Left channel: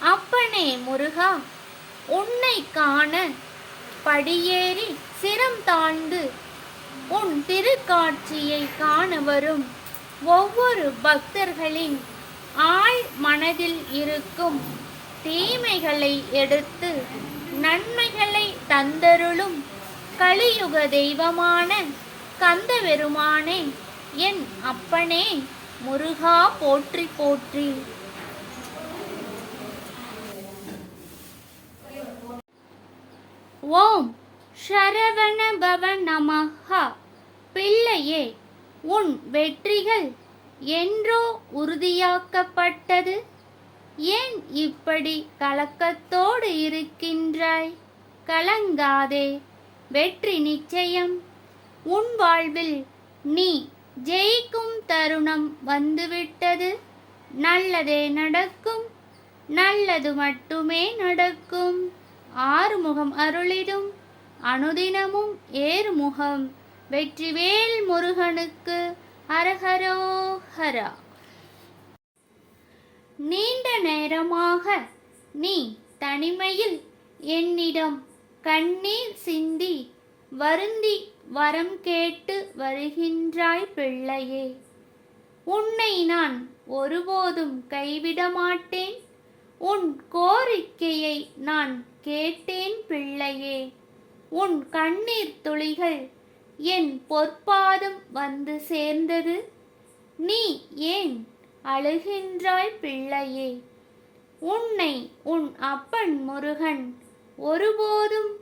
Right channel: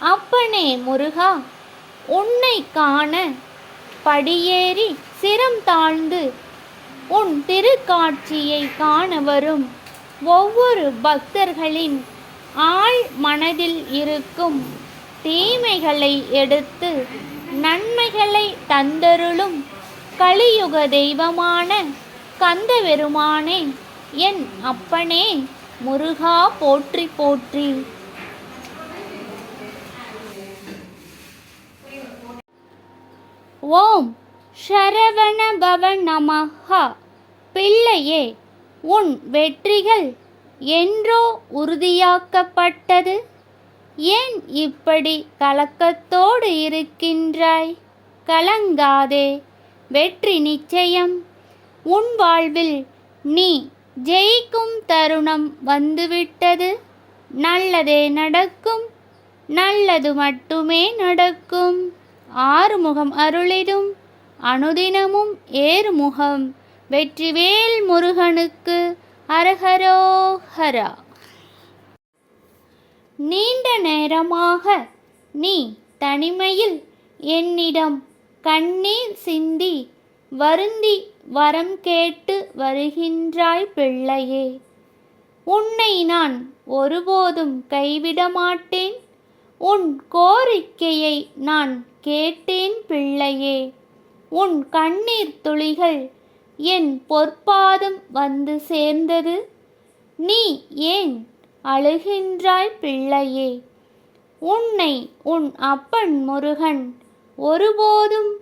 அப்பனே முருகா, உன்னை காண படியேறி சிரம் தாழ்ந்து உன் திருக்காட்சியை காண வரும் ஒவ்வொரு பக்தர்களின் ஆழ் மனதில் இருக்கும் தீமைகளை எடுத்து நன்மைகளை தந்தருளும் கலியுக தெய்வமான கந்தபெருமானே, என் அப்பனே முருகா போற்றி போற்றி. ஓம் சரவண பவ நமஹ. பிள்ளையே, உன் வெற்றிகள் என்றோ உறுதியாக்கப்பட்டது. ஏன் இப்படி கலக்கத்தோடு இருக்கின்றாய்? கலங்காதே, வெற்றி நிச்சயம். உன் வாழ்வில் நீ ஜெயிக்கும் தருணம் வந்துவிட்டது. நல்லதே நடக்கும், நல்லது மட்டுமே நடக்கும். ஆறுமுகம் அருளிடும் அனுதினமும் ஏறுமுகம். வெற்றிவேல் முருகனுக்கு அரஹரோஹரா. நீண்ட நேரமாக நீ தனிமையில் என்னிடம் கண்ணீர் சிந்தி வருந்தி வரம் கேட்டு வருகின்றாய் பிள்ளையே. உன்னை நான் ஒருபோதும் கைவிட மாட்டேன். உன் கோரிக்கையை நான் கேட்டேன் பிள்ளையே. உன் கண்ணீர் துளிகள் என் பொற்பாதம் வந்து சேர்ந்தது. நீ ஏன் அழுகின்றாய் பிள்ளையே? உன்னை உன் அப்பன் முருகன் ஒருபோதும்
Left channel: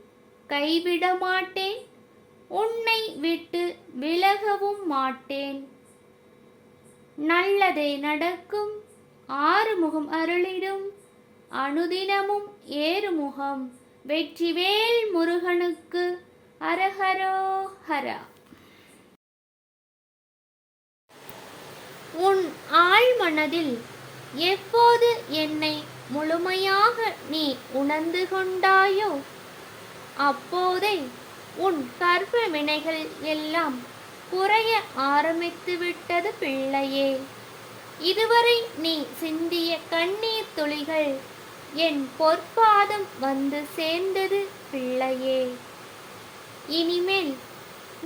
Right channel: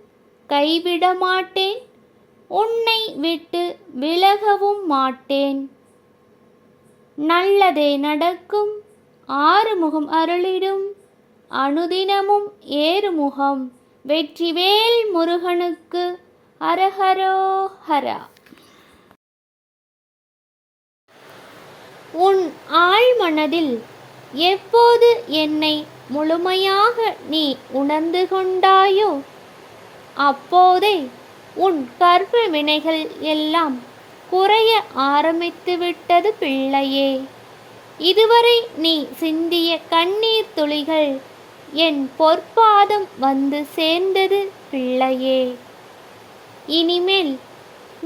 கைவிட மாட்டேன். உன்னை விட்டு விலகவும் மாட்டேன். நல்லதே நடக்கும். ஆறுமுகம் அருளிடும் அனுதினமும் ஏறுமுகம். வெற்றிவேல் முருகனுக்கு அரஹரோஹரா. உன் ஆழ்மனதில் எப்போது என்னை முழுமையாக நீ உணர்ந்து கொண்டாயோ, அப்போதே உன் கர்ப்ப வினைகள் எல்லாம் குறைய ஆரம்பித்து விட்டது பிள்ளையே. இதுவரை நீ சிந்திய கண்ணீர் துளிகள் என் பொற்பாதம் வந்து சேர்ந்தது பிள்ளையே. இனிமேல்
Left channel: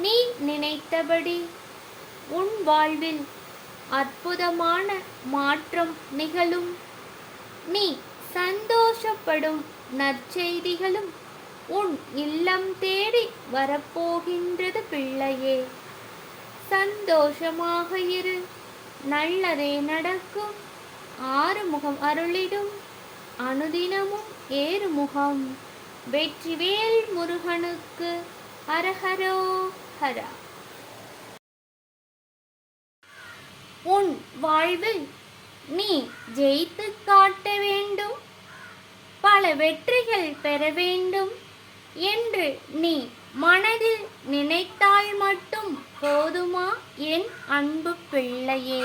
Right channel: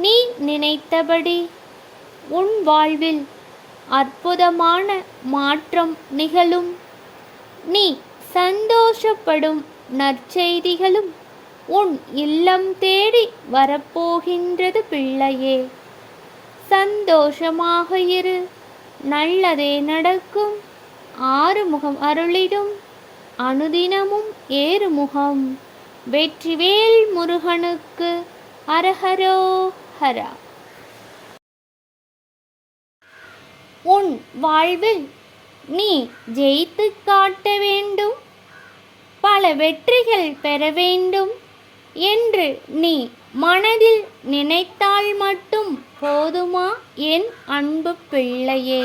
நீ நினைத்தபடி உன் வாழ்வில் அற்புதமான மாற்றம் நிகழும். நீ சந்தோஷப்படும் நற்செய்திகளும் உன் இல்லம் தேடி வரப்போகின்றது பிள்ளையே. சந்தோஷமாக இரு, நல்லதே நடக்கும். ஆறுமுகம் அருளிடும் அனுதினமும் ஏறுமுகம். வெற்றிவேல் முருகனுக்கு அரஹரோஹரா. உன் வாழ்வில் நீ ஜெயித்து காட்ட வேண்டும், பல வெற்றிகள் பெற வேண்டும் என்று நீ மனதில் நினைத்தால் மட்டும் போதுமா என் அன்பு பிள்ளையே?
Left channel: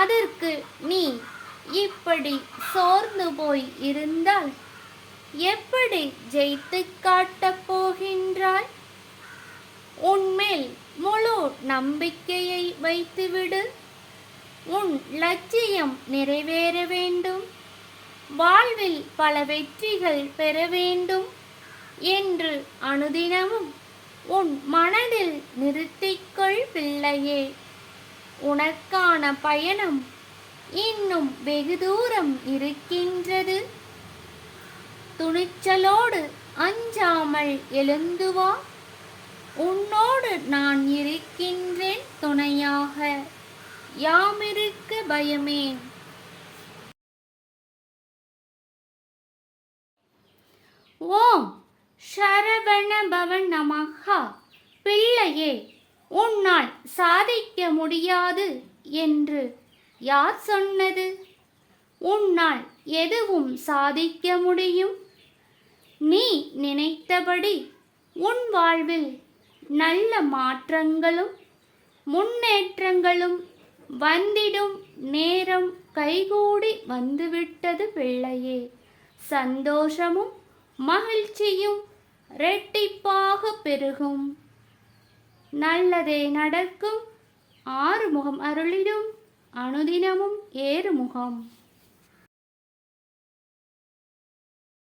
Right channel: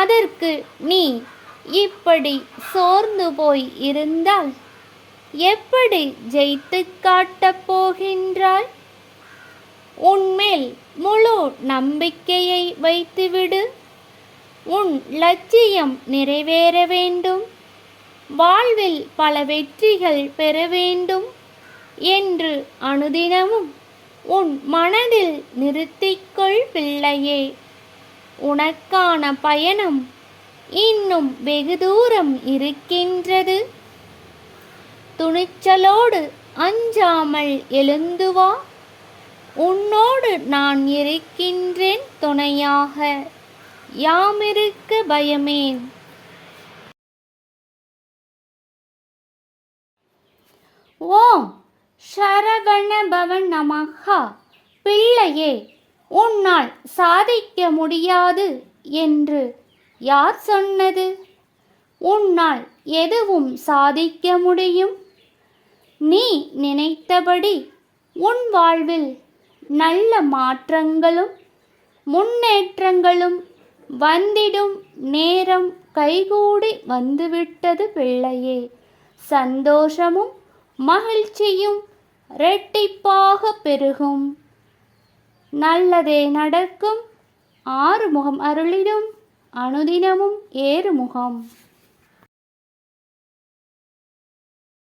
அதற்கு நீ இப்படி சோர்ந்து போய் இருந்தால் எப்படி ஜெயித்து காட்டப் போகின்றாய்? உன்மேல் முழு நம்பிக்கையை வைத்துவிடு. உன் லட்சியம் நிறைவேற வேண்டும், வாழ்வில் பல வெற்றிகள் பெற வேண்டும் என்று அனுதினமும் உன் மனதில் நிறுத்திக்கொள் பிள்ளையே. உனக்கான பயணம் இன்னும் வெகு தூரம் இருக்கின்றது. துணிச்சலோடு அஞ்சாமல் எழுந்து வா. உன்னோடு நான் இருக்கின்றேன் துணையாக. யாமிருக்க பயமேன். ஓம் சரவண பவ நமஹ. பிள்ளையே, உன்னால் சாதிக்க முடியாது என்று யார் சொன்னது? உன்னால் எதுவும் சாதிக்க முடியும். நீ நினைத்தபடி உன் வாழ்வில் நல்ல மாற்றங்களும் முன்னேற்றங்களும் வந்திடும் நேரம் கைகூடி வந்துவிட்டது பிள்ளையே. சந்தோஷமும் மகிழ்ச்சியும் இரட்டிப்பாக பெருகும். நல்லதே நடக்கும். ஆறுமுகம் அருளிடும் அனுதினமும் ஏறுமுகம்.